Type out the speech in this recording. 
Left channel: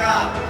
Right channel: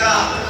家。